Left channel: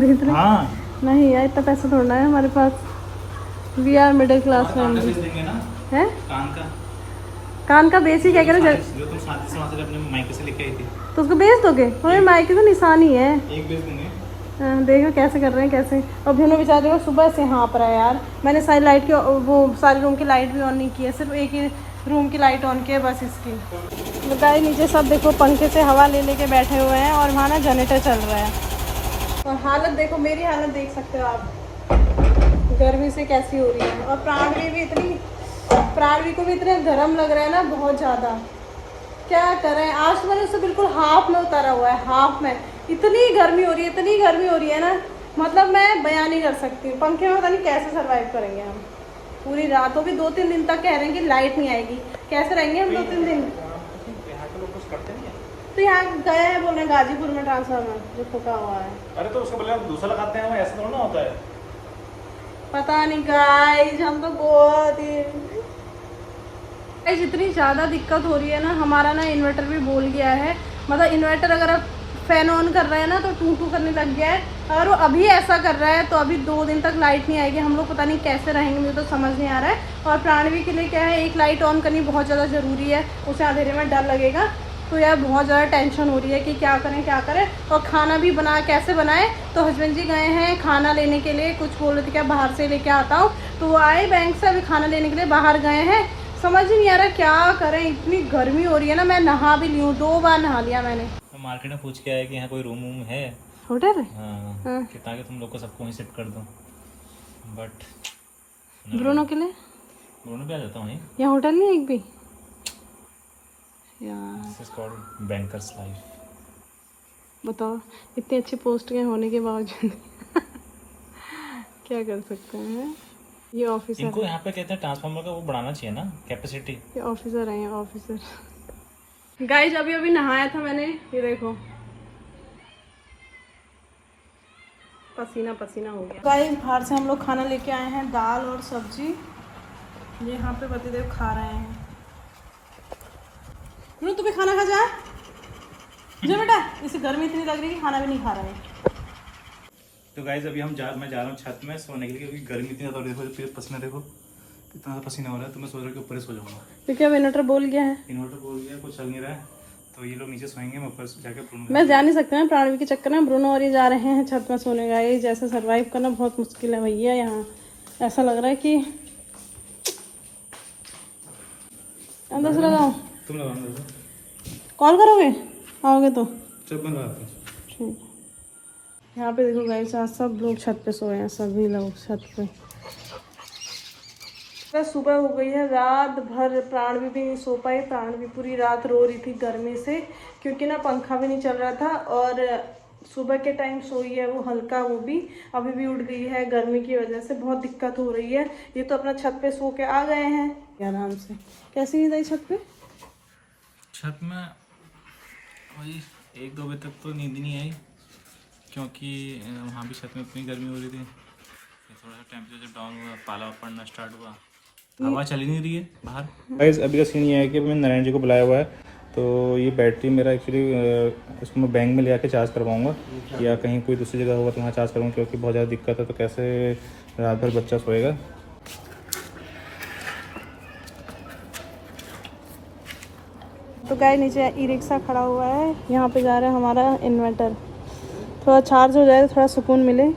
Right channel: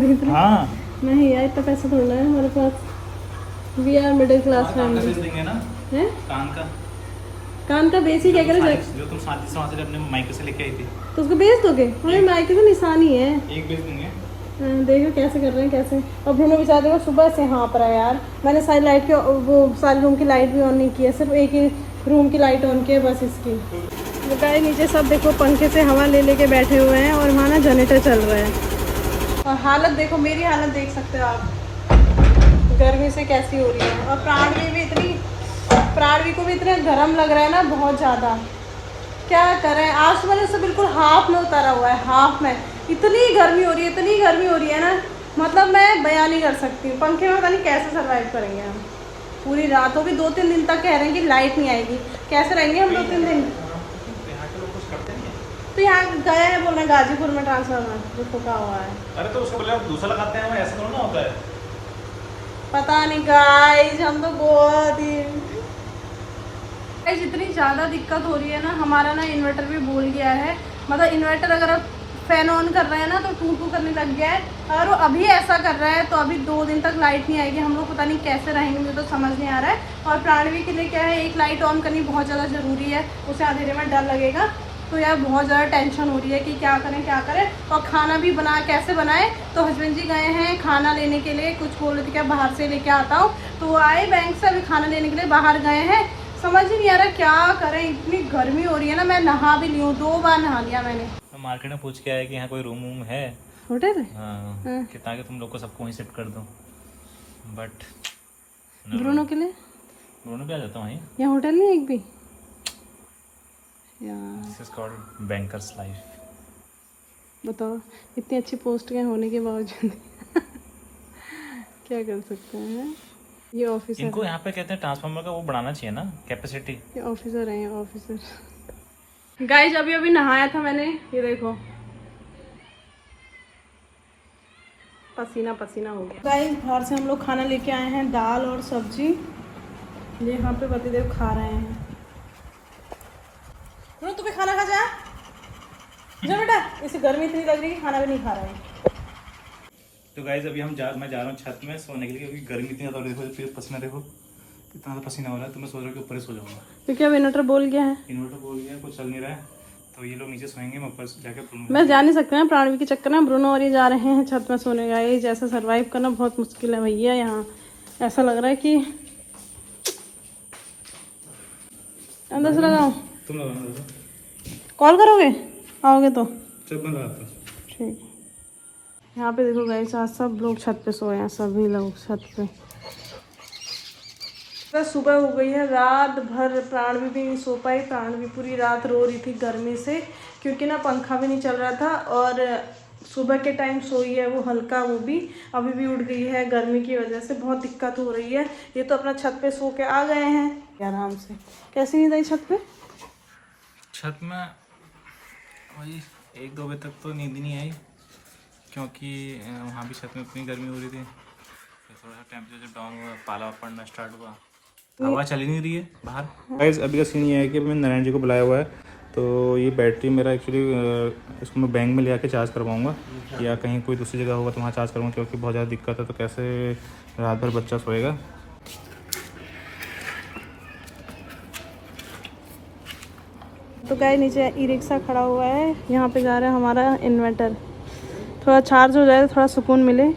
खरीद रहे? हाँ नहीं यार, इतना पैसा थोड़ा है हमारे पास। वी आर मिडिल क्लास देंगे ना है। कान का बेच ही क्या करे, जो तुम शादी से वहाँ से अपने मायके से लेके आई थी, तो उसको बेच दोगे? हमारे मायके का निशान ही है। एक बेच देंगे। देखो कैसे कर रहे हैं, कैसे। और भैया बेचारे देखो सुबह से यहाँ पर है यार। मैंने सारी लाइट की, वो सारे रूम की लाइट भी ऑन नहीं की है, सिर्फ एक ही रूम की लाइट ऑन की है बस इसकी। गाय नीचे सब देखो पंखे से हवा ले लेके बैठे हुए हैं, और वहाँ ना जनरेटर चल रहा है। और हालत देखो, मेरी हालत देख सकते हो आप, गर्मी से कैसी हो रही है। और प्राणवी को भी इतने गर्म लग रहा है ना, बहुत ज़्यादा। क्या करें, आज तो मैंने उसे बिल्कुल हाफ में उतारा हुआ है, हाफ में। इतनी गर्मी हो रही है, इतनी गर्मी हो रही है ना, मतलब मैं बयान नहीं कर सकती। पंखे में पता नहीं कैसे सर्वाइव करेंगे हम। पूरी रात होगी, 2-3 दिन तक कह रहे हैं कि लाइट नहीं आएगी। कैसे रहेंगे हम 2-3 दिन? तो यहाँ गए हैं, बोल रहे गाजीपुर में ट्रांसफार्मर जो ठोका हुआ है। अरे तो उसको बोले दूसरा लगाते हैं, ऐसा थोड़ा ना होता है। पता नहीं गाइस, हम तो बहुत ही इतनी ज्यादा दिक्कत हो रही है ना। हमारा ना इन्वर्टर भी बोल गया है, मतलब इन्वर्टर अगर आप फैन ऑन कर रहे हैं ना तो टू करने लग गया है। अगर वो अभी ऐसा कर रहा है तो अभी 2 दिन तक लाइट नहीं आएगी। हम लोग पता नहीं कैसे रहेंगे, मुझे तो समझ नहीं आ रहा है। और प्राणवी के लिए क्या है, एक लाइट ऑन करनी बहुत ज़्यादा ज़रूरी है, उसे अंधेरे में डर लगेगा। तो यार बहुत ज़्यादा टेंशन हो रही है कि क्या करें। और खाना भी कैसे बनाए। तो हस्बैंड जी गए हैं खाना लेने के लिए, कुछ बोल रहे थे क्या बाहर से लेके आता हूँ, तो वो आए बैंक से, अभी खाना लेने के लिए बाहर गए हैं। समझ ही नहीं आ रहा क्या करें, इतनी गर्मी हो रही है ना। मैं नहा भी ली हूँ, 2 बार नहा लिया मैंने। तो मार्केट में पूछ के आया कि यहाँ कोई रूम वूम है, होटल है। हाँ, कि ताकि तुम लोग को सबको वहीं शिफ्ट कर दूँ, बट ब्रूनो के लिए ब्रूनो भी आ जाता वहीं। यहाँ होटल नहीं एक भी यार। This is called bankers life. बताओ, इतनी अच्छी पोस्ट के होने के बावजूद क्या कर सकते हैं। ये ऑफिसर, इनको यहाँ पे कहते हैं ट्रांसफार्मर का वो बढ़ाना चाहिए ना, कैपेसिटी। ये ऑफिसर है, ऑफिसर। गाइस अभी नहाया था मैंने, ये देखो पसीना पसीना हो गया। गाइस बाहर से हम लोग खाना लेके आए हैं, दाल और सब्जी। ये यहाँ पे पतिदेव खा रहे हैं। लो तुम्हें खाना खा जा बेटा, इसे गर्मी इतनी लग रही है कि खाना भी नहीं खा रहा है। तो गाइज अभी मैं जा रहा हूँ छत में सोने के लिए, क्योंकि गर्मी इतनी ज़्यादा हो रही है। देखो फिर पसीना, देखो इतना ज़्यादा पसीना हो रहा है। तो मैं सोच रहा हूँ कि ऊपर ही सो जाऊँगा, क्योंकि अब इन्वर्टर बोल गया है। इन्वर्टर बोल गया, कुछ चल नहीं रहा है। तो ये लोग नीचे सोएंगे, मैं ऊपर जाकर मैं जा नहीं सकते हैं प्राणवी के चक्कर में। ब्रूनो और ये जा रहे हैं छत में सोने का। ये जैसे सर्वाइव करना बहुत मुश्किल है भैया। यहाँ ऐसा लग रहा है कि अंदर से लगाओ। तुम लगाओ, कॉल करोगे आओगे तो? जब बंद आता ठीक। यहाँ पे देखो गाइस, आज सब लोग छत पे सोए हैं, सभी लोग छत पे। सुबह हो गई है, रात भर प्राणवी भी नहीं सो पाई। प्राणवी पूरी रात रो रही थी गर्मी से, क्योंकि ना पंखा भी नहीं चल रहा था। और सुबह के टाइम सोई है वो हल्का, वो भी अभी भी उठ गई है। गर्मी की वजह से बहुत दिक्कत हो रही है। ये तो अपना छत पे सो के आ गए हैं आराम से। कैसी नींद आई छत पे? छत में वही 1-2 बजे तक तो नींद नहीं आई, क्योंकि वहाँ भी छत में इतनी गर्मी हो रही थी। तो थोड़ा सा टेम्परेचर डाउन हुआ, पाला पड़ना स्टार्ट हुआ, हवा चल ही नहीं रही है बाहर। गाइस अभी का सीन ये है कि मैंने नारायण जी को बुलाया हुआ है। तो ये बैटरी मेरा एक्चुअली इसको मैं बैंक में ले आके चार्ज करवाऊँगा, या कहीं कोई दूसरी जगह होगा तो वहाँ चार्ज करूँगा, क्योंकि बहुत ज़्यादा दिक्कत है। तो कैसे रात भर बच्चा सोएगा। तो गाय नीचे ई रिक्शा खड़ा हुआ है, यहाँ पे जा रहा है हमारा इन्वर्टर। थोड़ा चार्ज हो जाए तो थोड़ा सुकून मिले।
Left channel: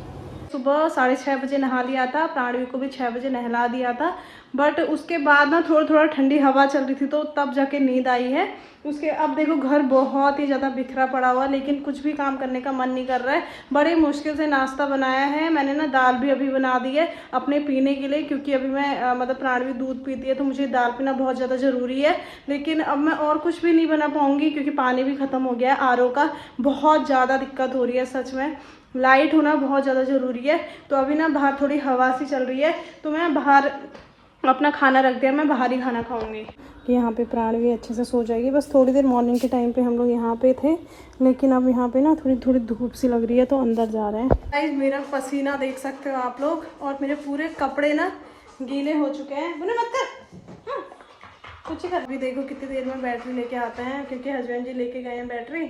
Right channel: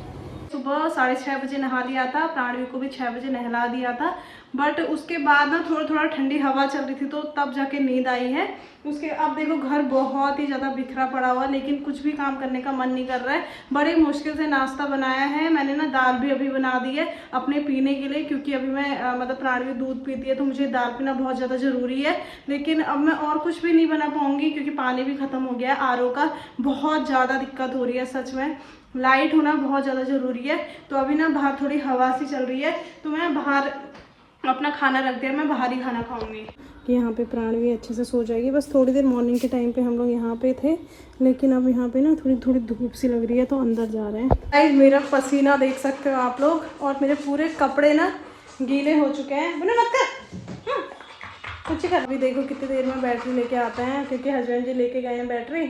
सुबह 6:30 बजे नहा लिया था, प्राणवी को भी 6 बजे नहला दिया था। बट उसके बाद ना थोड़ा ठंडी हवा चल रही थी, तो तब जाके नींद आई है। उसके अब देखो घर बहुत ही ज़्यादा बिखरा पड़ा हुआ, लेकिन कुछ भी काम करने का मन नहीं कर रहा है। बड़े मुश्किल से नाश्ता बनाया है मैंने ना। दाल भी अभी बना दी है अपने पीने के लिए, क्योंकि अभी मैं मतलब प्राणवी दूध पीती है तो मुझे दाल पीना बहुत ज़्यादा ज़रूरी है। लेकिन अब मैं और कुछ भी नहीं बना पाऊँगी, क्योंकि पानी भी ख़त्म हो गया है आरओ का। बहुत ज़्यादा दिक्कत हो रही है सच में। लाइट होना बहुत ज़्यादा ज़रूरी है। तो अभी ना बाहर थोड़ी हवा सी चल रही है, तो मैं बाहर अपना खाना रख दिया, मैं बाहर ही खाना खाऊंगी। यहाँ पे प्राणवी अच्छे से सो जाएगी। बस थोड़ी देर मॉर्निंग के टाइम पे हम लोग यहाँ पे थे, लेकिन अब यहाँ पे ना थोड़ी धूप सी लग रही है, तो अंदर जा रहे हैं। गाइस मेरा पसीना देख सकते हो आप लोग, और मेरे पूरे कपड़े ना गीले हो चुके हैं। बोले मत कर, कुछ कर। अभी देखो कितनी देर में बैटरी लेके आते हैं, क्योंकि हस्बैंड जी लेके गए हैं बैटरी।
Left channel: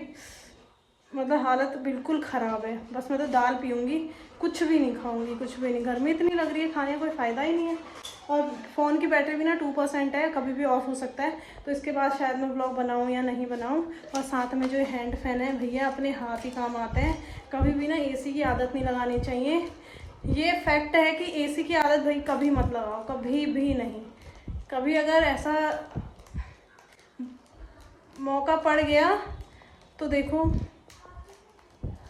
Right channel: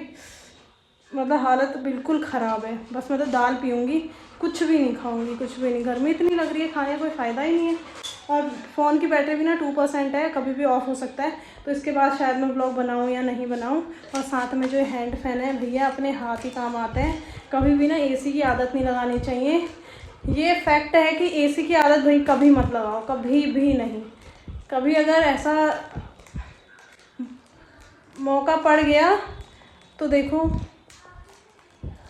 मतलब हालत बिल्कुल ख़राब है। बस मैं तो दाल पीऊँगी, कुछ भी नहीं खाऊंगी, कुछ भी नहीं। गर्मी इतनी लग रही है, खाने का कोई फ़ायदा ही नहीं है। और फ़ोन की बैटरी भी ना 2% है, कभी भी ऑफ हो सकता है। तो इसके बाद शायद मैं ब्लॉग बनाऊँ या नहीं बनाऊँ। और साथ में जो हैंड फैन है भैया अपने हाथ ही काम आते हैं। कभी भी ना एसी की आदत नहीं लगानी चाहिए। ये फैक्ट है कि एसी की आदत भाई कभी मत लगाओ, कभी भी नहीं। कभी अगर ऐसा मौका पड़ गया तो देखो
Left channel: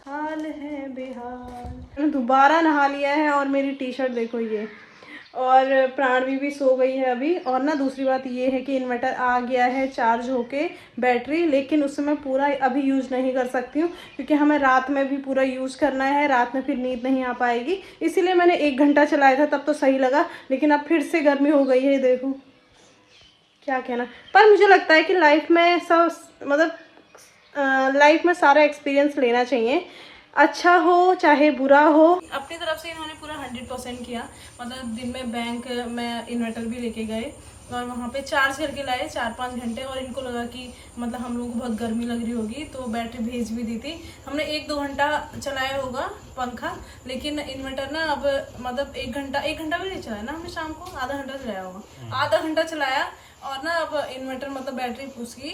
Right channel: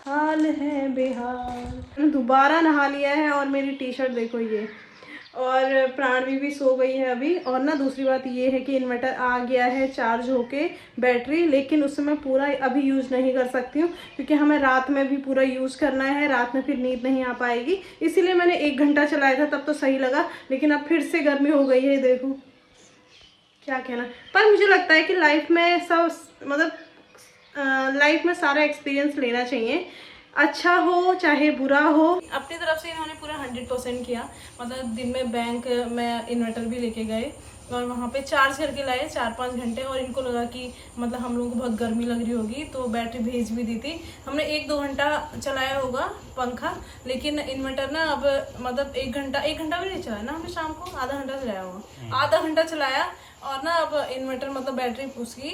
हाल है बेहाल। मैंने दोबारा नहा लिया है और मेरी टी शर्ट देखो ये। और प्राणवी भी सो गई है अभी। और ना दूसरी बात ये है कि इन्वर्टर आ गया है चार्ज होके बैटरी, लेकिन उससे मैं पूरा अभी यूज़ नहीं कर सकती हूँ क्योंकि हमें रात में भी पूरा यूज़ करना है। रात में फिर नींद नहीं आ पाएगी, इसीलिए मैंने 1 घंटा चलाया था, तब तो सही लगा। लेकिन अब फिर से गर्मी हो गई है, देखो क्या कहना। पर मुझे लगता है कि लाइफ में सब मतलब लाइफ में सारा एक्सपीरियंस लेना चाहिए, अच्छा हो चाहे बुरा हो। अपनी तरफ से इन्होंने पूरा 100% किया। मतलब दिन में बैंक में इन्वर्टर भी लेके गए और वहाँ पे चार्ज करके लाए 4-5 घंटे। और इनको लगा कि मतलब हम लोगों को बहुत गर्मी लग रही होगी तो बैटरी भेज भी दी थी। हमने 1-2 घंटा चलाया होगा पंखा, लेकिन इन्वर्टर ना अब मतलब 1 घंटा भी नहीं चलाया ना हमने, शाम को आधा घंटा चलाया होगा, आधा घंटा चलाया। और ना अब इन्वर्टर मतलब बैटरी उसकी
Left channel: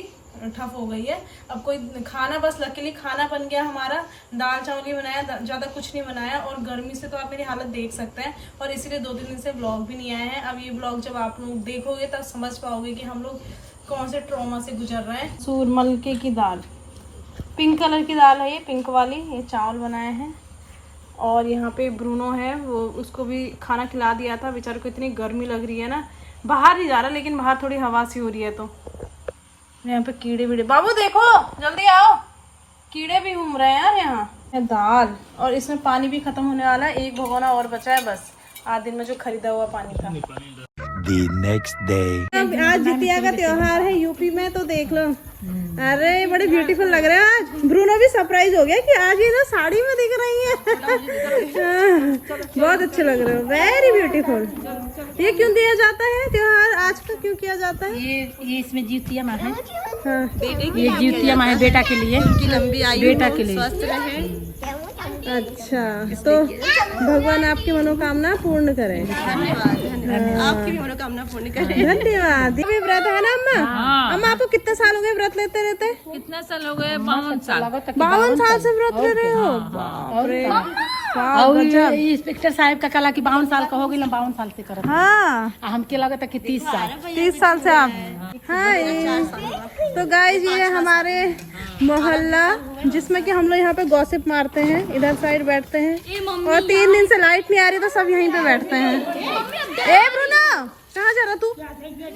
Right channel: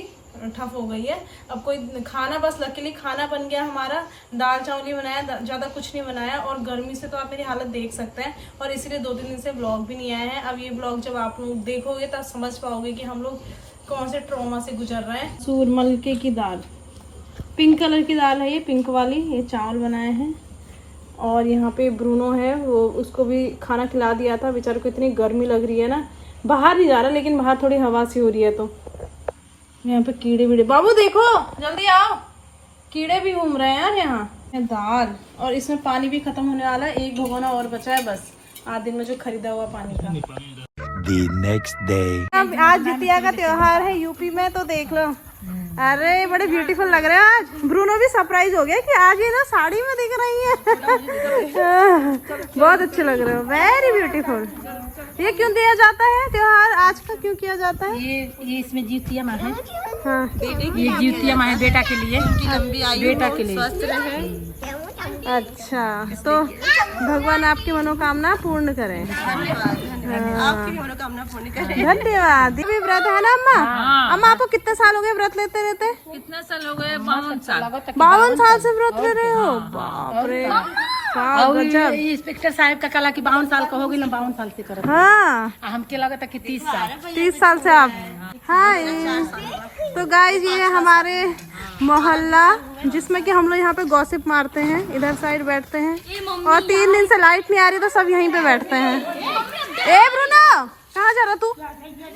ठप हो गई है। अब कोई खाना, बस लकीली खाना बन गया हमारा, दाल चावल ही बनाया, ज़्यादा कुछ नहीं बनाया। और गर्मी से तो आप मेरी हालत देख सकते हैं, और इसीलिए 2-3 दिन से ब्लॉग भी नहीं आए हैं। अब ये ब्लॉग जब आप लोग देखोगे तब समझ पाओगे कि हम लोग कौन से ट्रॉमा से गुजर रहे हैं। सूरमलके की दाल, पिंक कलर की दाल है ये, पिंक वाली, ये चावल बनाए हैं। और यहाँ पे ब्रूनो है, वो उसको भी खाना खिला दिया था। बेचारे को इतनी गर्मी लग रही है ना, बाहर नहीं जा रहा, लेकिन बाहर थोड़ी हवा सी हो रही है। तो यहाँ पे कीड़े वीड़े, बाबू देखो जल्दी आओ, कीड़े भी घूम रहे हैं यार यहाँ। दाल, और इसमें पानी भी खत्म होने वाला है, 1 भगोना और बचा है बस, आज दिन में जो खरीदा हुआ पानी था। The next day. आज जितिया का त्योहार है यूपी में, तो देख लो। अरे बड़े ब्यूटीफुल लग रहे हैं आज। ब्रूनो भी सरप्राइज हो गया कि आज ये ना साड़ी में दिख रही है। बहुत अच्छे लग रहे हो, वेरी ब्यूटीफुल। ये क्यों दिया जाता है त्योहार आज का, क्यों किया जाता है? ये इसमें जीतिया माँ है। हाँ, ये जीतिया माँ है बेटा के लिए, उनकी लंबी आयु, बेटा के लिए स्वस्थ रहे। अच्छा, तो भगवान आपकी मनोकामना पूर्ण करें। आपकी भी मनोकामना पूर्ण करे। धन्यवाद। ये भी व्रत है ना अम्मा? अम्मा आपको कितने साल हो गए व्रत लेते रहते? कितना साल हो गए? 52 साल। 52 साल से व्रत ले रहे हो? बाप रे, गजब। इंस्पेक्टर साहब का कला कि 52 साल का हो गई ना, 52 साल से करत। हाँ, हमके लगा था कि 30 साल। 30 साल से आप। हाँ, तो गाइस ये हमारे मोहल्ला जिसमें कि हम लोग यहाँ पे गॉसिप मारते हैं, इधर साइड बैठते हैं। और 3 दिन से लाइट नहीं आ रही तो सब यहीं पे बैठते हैं। ए ब्रूनो, कहाँ जा रहा तू?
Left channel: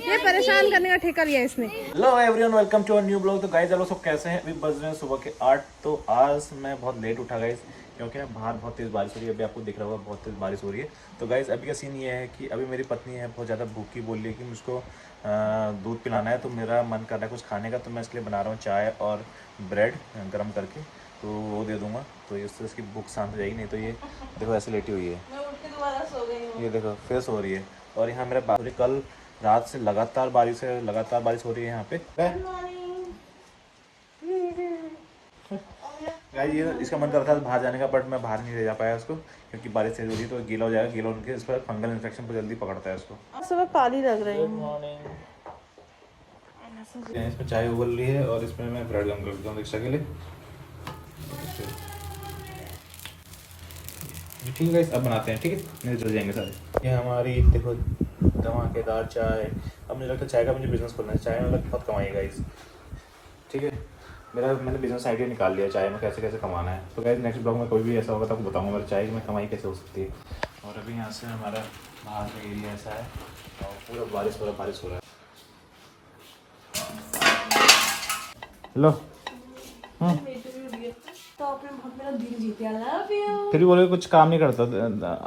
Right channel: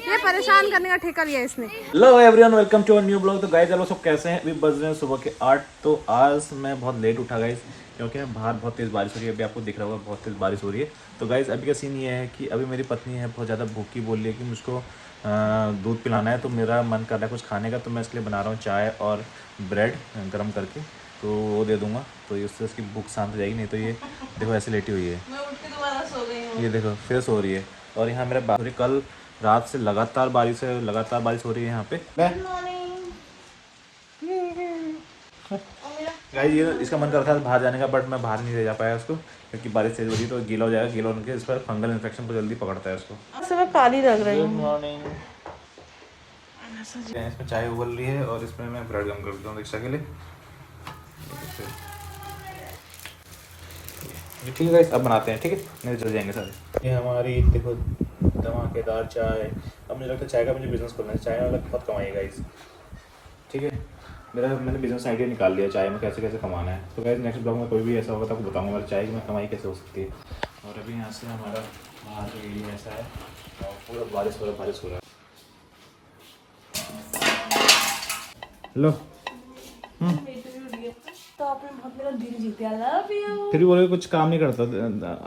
ये परेशान करने का ठेका लिया इसने। Hello everyone, welcome to our new blog. तो गाइस चलो सब कैसे हैं? अभी बज रहे हैं सुबह के 8। तो आज मैं बहुत लेट उठा गाइस, क्योंकि बाहर बहुत तेज़ बारिश हो रही है। अभी आपको दिख रहा होगा बहुत तेज़ बारिश हो रही है। तो गाइस अभी का सीन ये है कि अभी मेरी पत्नी है बहुत ज़्यादा भूखी, बोल रही है कि मुझको दूध पिलाना है। तो मेरा मन कर रहा है कुछ खाने का, तो मैं इसलिए बना रहा हूँ चाय और ब्रेड गर्म करके, तो वो दे दूँगा। तो इससे इसकी भूख शांत हो जाएगी। नहीं तो ये देखो ऐसे लेटी हुई है, मैं उठ के दोबारा सो गई हूँ। ये देखो फिर सो रही है। और यहाँ मेरा बाहरी कल रात से लगातार बारिश हो रही है यहाँ पे। गाइस ये इसका मन कर रहा था बाहर जाने का, बट मैं बाहर नहीं ले जा पाया उसको, क्योंकि बारिश तेज हो रही है तो गीला हो जाएगा। गीला होने के इस पर फंगल इन्फेक्शन को जल्दी पकड़ता है उसको। सुबह काली लग रही हूँ। इसमें चाय उबल रही है और इसमें मैं ब्रेड गर्म कर देता हूँ रिक्शा के लिए। ठीक है गाइस, अब बनाते हैं, ठीक है, नहीं चल जाएंगे सारे। ये हमारी देखो धमाकेदार चाय। अब मुझे लगता है चाय का मुझे बिजनेस खोलना है, चाय में बहुत कमाई गाइस, ठीक है। मैंने बिजनेस आइडिया निकाल लिया चाय में कैसे कैसे कमाना है। तो गाइस नेक्स्ट ब्लॉग में कोई भी ऐसा होगा तो आपको बताऊंगा मेरी चाय में कमाई कैसे हो सकती है। और अभी यहाँ से हमारा बाहर का एरिया ऐसा है और पूरा बारिश हो रहा है। हेलो, तो आपने बहुत मेरा दिल जीता, लव यू। फिर भी बोले कुछ काम नहीं करता,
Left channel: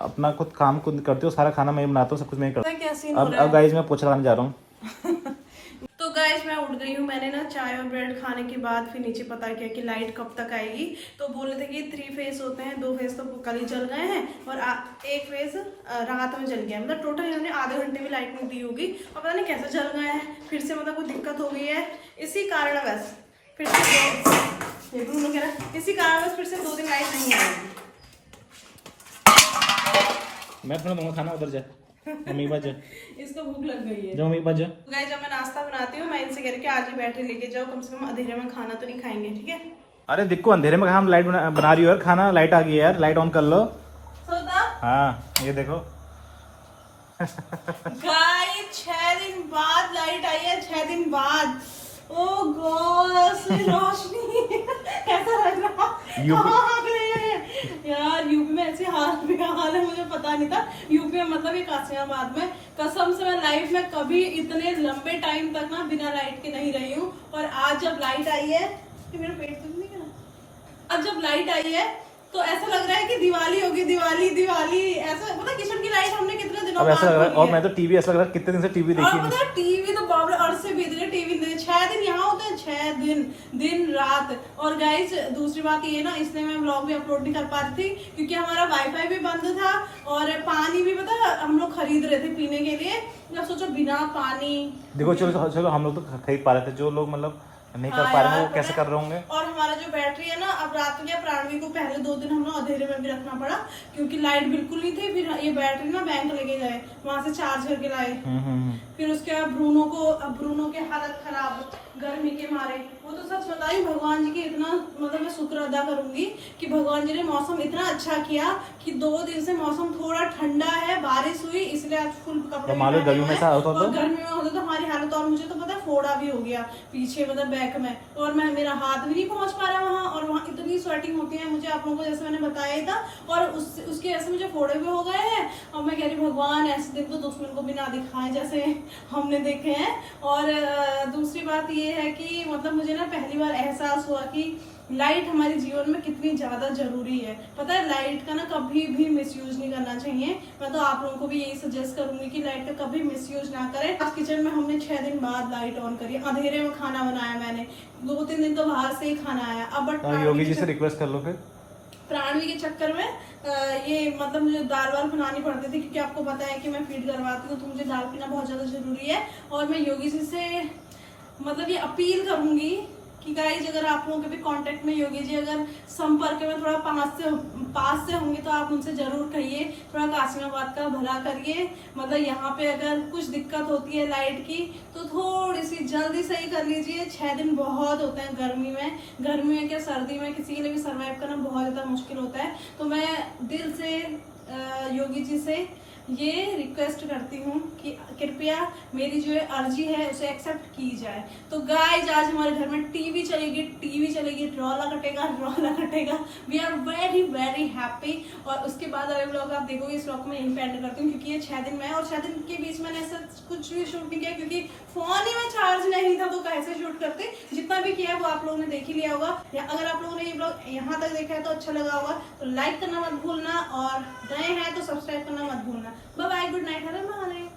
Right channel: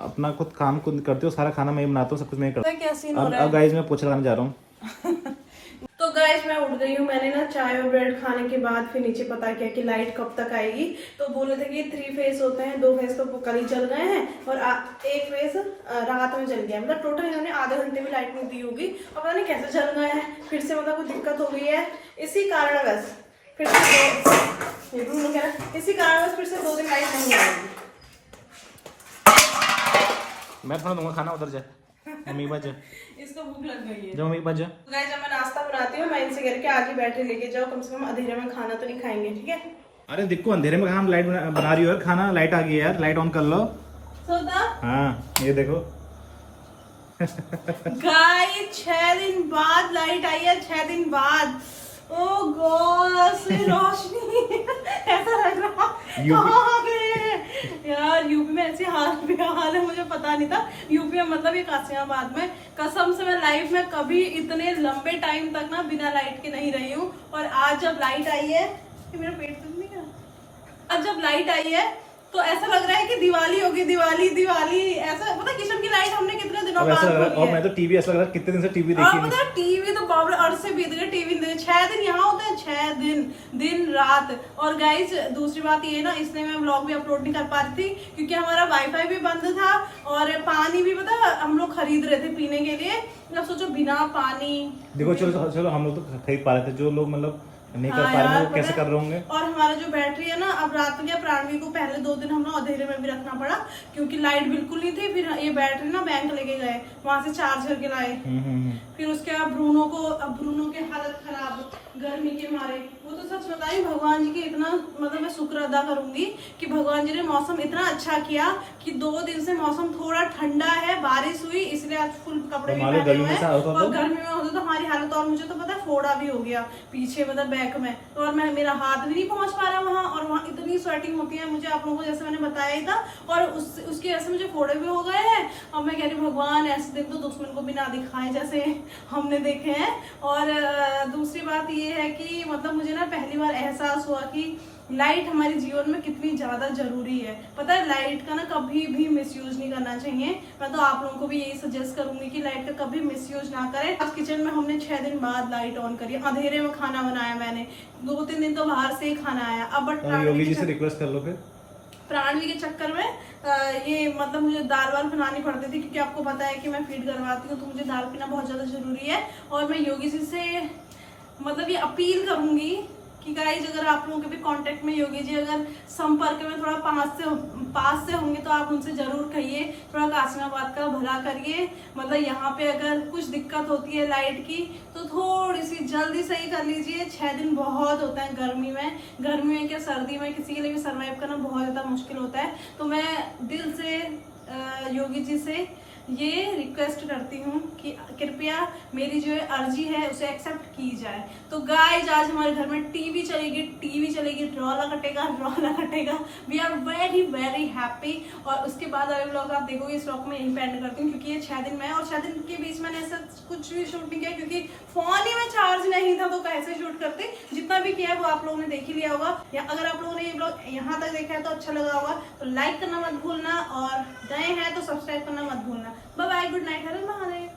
अपना खुद काम खुद करते हो, सारा खाना मैं ही बनाता हूँ, सब कुछ मैं ही करता क्या सीन हूँ। हो रहा है? अब गाइस मैं पोछा लगाने जा रहा हूँ। तो गाइस मैं उठ गई हूँ। मैंने ना चाय और ब्रेड खाने के बाद फिर नीचे पता किया कि लाइट कब तक आएगी। तो बोले थे कि 3 फेस होते हैं, 2 फेस तो कल ही जल गए हैं और 1 फेस रात में जल गया। मतलब टोटल इन्होंने आधे घंटे भी लाइट नहीं दी होगी और पता नहीं कैसे जल गए हैं। फिर से मतलब कोई दिक्कत हो गई है, इसी कारणवश फिर से ये ब्रूनो कह रहा है इसी कारण फिर से 2 दिन लाइट नहीं आएगी। मैं थोड़ा दूंगा खाना, उधर जा मम्मी के पास जा, इसको भूख लग गई है। जाओ मम्मी के पास जा। तो गाइस जब मैं नाश्ता बनाती हूँ मैं इनसे कह के आज ही बैठे लेके जाओ, कम से कम अंधेरे में खाना तो नहीं खाएंगे, ठीक है। अरे देखो अंधेरे में हम लाइट बना रही हो यार, खाना लाइट आ गई है यार, लाइट ऑन कर लो। हाँ ये देखो गाइस 6 दिन बाद लाइट आई है, 6 दिन बाद। ओ गॉड रोशनी ऐसा लग रहा यार यूपी में ऐसे हाल है, मुझे पता नहीं था यूपी में, मतलब ये कासिमाबाद में। कसम से मैं लाइफ में कभी इतने लंबे टाइम तक ना बिना लाइट के नहीं रही हूँ। और आज जब लाइट आई है, मेरा पेट तो नहीं है, अब जब लाइट आई है तो ऐसा लग रहा है कि दिवाली होगी, दिवाली दिवाली ऐसा। पता किचन की लाइट हमने कितने दिनों बाद खोली है। और मैं तो टीवी ऐसा लग रहा है कितने दिन से टीवी देखी नहीं। टीवी तो बाबरे अर्थ से बीत गए, टीवी 6 दिन यहाँ होते हैं, 6 दिन दिन रात। और गाइस दूसरी बात ये ना, इसलिए मैं व्लॉग भी अपलोड नहीं कर पा रही थी क्योंकि हमारा वाईफाई भी बंद था और पानी भी पता हम लोग खरीद रहे थे पीने के लिए। मैं सोचो बिना पानी, देखो चलो हम लोग तो खरीद पा रहे थे, जो लोग मतलब नहीं कर पा रहे हैं कैसे कर रहे होंगे। और हमारा जो बैटरी है ना, अब रात में प्राणवी को पहले 2 दिन हम लोग अंधेरे में भी रखना पड़ा क्योंकि लाइट बिल्कुल नहीं थी। फिर ये बैटरी ना बैंक लेके गए, वहां से चार्ज करके लाए। फिर उसके बाद ब्रूनो के हालत खराब गर्मी के मारे। वो तो सच बताई भगवान जी की इतना मतलब मैं शुक्र अदा करूंगी कि भगवान जी ने मौसम इतना अच्छा किया कि 2 दिन से मौसम थोड़ा ठंडा है, बारिश हुई, इसलिए आज फुल कपड़े गर्मी में होते तो हमारी हालत। और मुझे तो पता है फोड़ा भी हो गया पीछे, मतलब बैक में, और मेरा हाथ भी नहीं पहुंच पा रहा वहाँ। और वहाँ इतनी स्वेटिंग होती है मुझे, आप लोगों को जैसे मैंने बताया ही था। और उसकी वजह से मुझे फोड़े भी हो गए हैं। और मैं कह रही भगवान ऐसे दिन तो दुश्मन को बिना दिखाए जैसे हमने देखे हैं। और दूसरी बात ये है कि मतलब मुझे ना पहली बार एहसास हुआ कि लाइट हमारे जीवन में कितनी ज्यादा जरूरी है। पता है लाइट का ना कभी भी मिसयूज नहीं करना चाहिए। मैं तो आप लोगों को भी यही सजेस्ट करूंगी कि लाइट का कभी मिसयूज ना करें। आज किचन में हमने 6 दिन बाद लाइट ऑन करी, अंधेरे में खाना बनाया मैंने, 2-3 दिन तो बाहर से ही खाना आया। अब बट योगी जी से रिक्वेस्ट कर लो फिर। प्राणवी के चक्कर में ये मतलब मुझे दाल वाल बनानी पड़ती थी क्योंकि आपको पता है कि मैं फीड करवाती हूँ तो मुझे दाल पीना बहुत ज्यादा जरूरी है। और मैं योगी जी से मतलब ये अपील करूंगी कि गाइस अगर आप लोगों के भी कांटेक्ट में योगी जी अगर संपर्क में थोड़ा पास से होंगे तो आप उनसे जरूर कहिए, थोड़ा कासिमाबाद का भला करिए। मतलब यहाँ पे अगर कुछ दिक्कत होती है लाइट की तो थोड़ी सी जल्दी सही कर लीजिए। 6 दिन बहुत होता है गर्मी में क्या सर्दी में किसी के लिए भी सर्वाइव करना बहुत ज्यादा मुश्किल होता है। तो मैं दिल से योगी जी से ये रिक्वेस्ट करती हूँ कि कृपया मेरी जो अर्जी है उसे एक्सेप्ट की जाए। तो गाइस आज हमारे घर में टीवी चलेगी, ड्रॉला कटेगा। We are very very happy. और उसके बाद वाले व्लॉग आप देखोगे, इस व्लॉग में इंपेंड करती हूँ क्योंकि ये 6 दिन में, और 6 दिन के बीच मैंने ऐसा कुछ भी शूट नहीं किया क्योंकि फोन ही में चार्ज नहीं था तो कैसे शूट करते। जितना भी किया है वो आप लोगों ने देख ही लिया होगा। या अगर आप लोगों ने ये व्लॉग यहाँ तक देखा है तो अच्छा लगा होगा तो लाइक करना मत भूलना, और नए हैं तो सब्सक्राइब करना मत भूलना। बाय बाय, गुड नाइट, हर महादेव।